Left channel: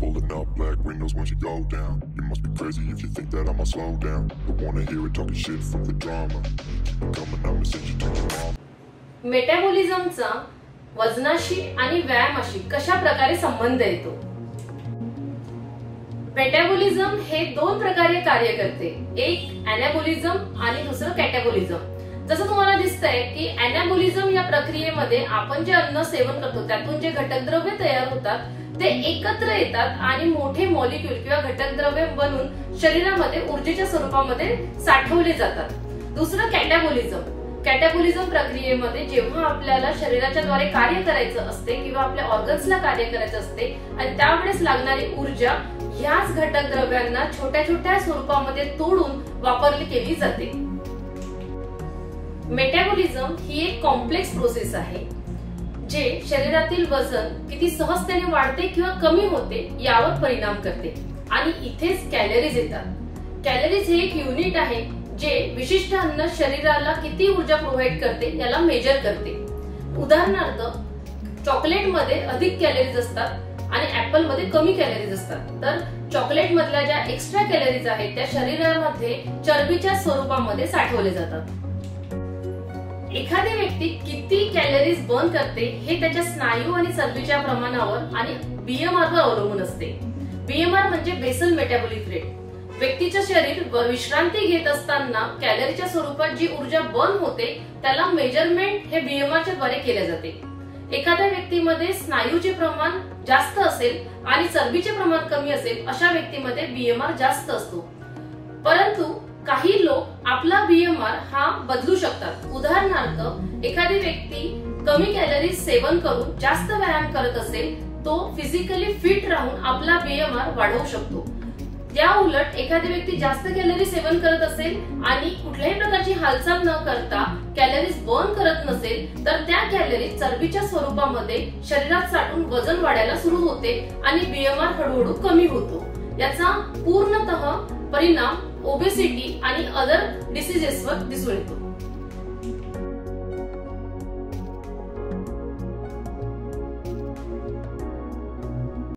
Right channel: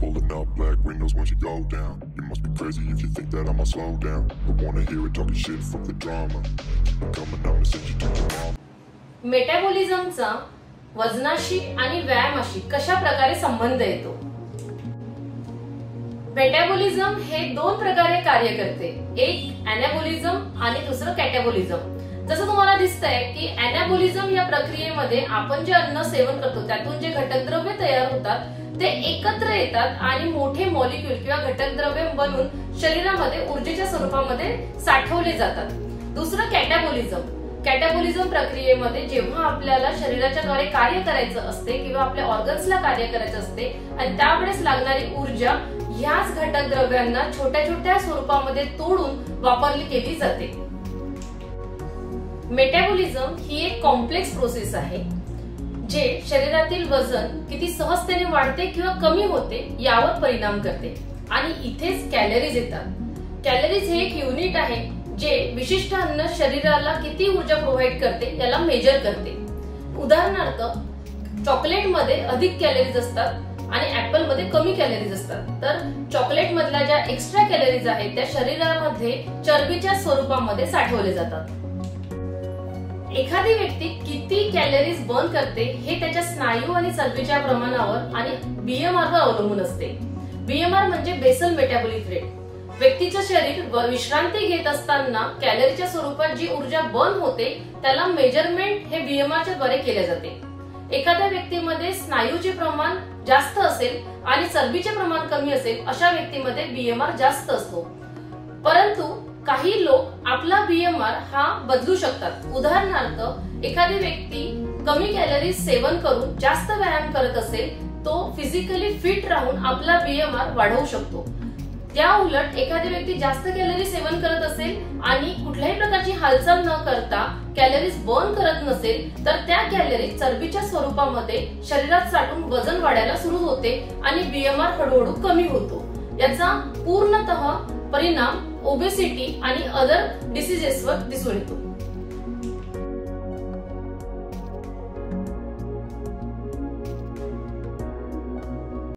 Pulling up black windows when she go down. You must be crazy if you think that I'ma slow down. But wanna hear it talking shit, fuck the drama. Keep it coming, I'ma send you to your mom. मेटाबॉलिझमचा वजनाशी आणि व्यायामाशी कशा प्रकारे संबंध येतो? Metabolism हे दोन प्रकारे कार्य करते, एक अॅनाबॉलिझम आणि दुसरं कॅटाबॉलिझम. जसं तुम्हाला दिसतंय की अॅनाबॉलिझम या प्रक्रियेमध्ये आपण जे अन्न सेवन करतो त्यातून जे घटकद्रव्य तयार होतात ते एकत्र येतात आणि मोठे मॉलिक्यूल किंवा घटकद्रव्य बनून शरीरामध्ये ऊर्जेच्या स्वरूपामध्ये साठवले जातात. दुसरं कॅटाबॉलिझम. कॅटाबॉलिझम प्रक्रियेमध्ये जेव्हा आपल्याला शरीराच्या द्वारे कार्य करायचं असते किंवा आपल्या ऑर्गन्सला कार्य करायचं असते आणि त्यावेळेस लागणारी ऊर्जा ह्याच घटकद्रव्यांना छोट्या छोट्या स्वरूपामध्ये तोडून वापरली केली जाते. मेटाबॉलिझम ही एक कॉम्प्लेक्स प्रोसेस आहे जे शरीरातील वजन किती सहजतेने वाढते किंवा कमी होते यावर परिणाम करते आणि इथेच कॅलरीज येतात. कॅलरीज हे एक युनिट आहे जे विशिष्ट अन्न शरीराला किती ऊर्जा प्रोव्हाइड करते याला मेजर करते. उदाहरणार्थ चॉकलेटमध्ये अधिक कॅलरीज असतात आणि ऍपल मध्ये कमी कॅलरीज असतात. तर चॉकलेट मधल्या ज्या एक्स्ट्रा कॅलरीज आहेत त्या शरीरामध्ये चरबीच्या स्वरूपामध्ये साठवले जातात. एखादी व्यक्ती किती कॅलरीज बर्न करते हे त्याच्या स्नायू आणि चरबीच्या प्रमाणावर आणि बीएमआर वर अवलंबून असते. बीएमआर म्हणजे बेसल मेटाबॉलिक रेट. व्यक्तीचे शरीर विश्रांती घेत असताना कॅलरीच्या स्वरूपात जी ऊर्जा बर्न होते त्याला मेजरमेंट हे बीएमआरच्या द्वारे केले जाते. एखाद्या व्यक्तीमध्ये स्नायूचे प्रमाण जास्त असेल आणि चरबीचे प्रमाण कमी असेल अशा व्यक्तीमध्ये बीएमआर जास्त असतो. परंतु काही लोक आपला बीएमआर हा बदलू शकतात. उदाहरणार्थ एखादी व्यक्ती कमी कॅलरीज सेवन करून जास्त व्यायाम करत असेल तो फिजिकली फिट राहून आपला बीएमआर वाढवू शकतो. त्या उलट एखादी व्यक्ती जास्त कॅलरी सेवन करत असेल आणि कुठल्याही प्रकारची हालचाल न करता कॅलरीज बर्न करत नसेल तर त्या कॅलरीज चरबीच्या स्वरूपामध्ये शरीरात साठून वजन वाढायला सुरू होते आणि बीएमआर हळूहळू कमी होतो. याचा पूर्णतः परिणाम ओबेसिटी आणि अदर डिसीजेसवर दिसून येतो.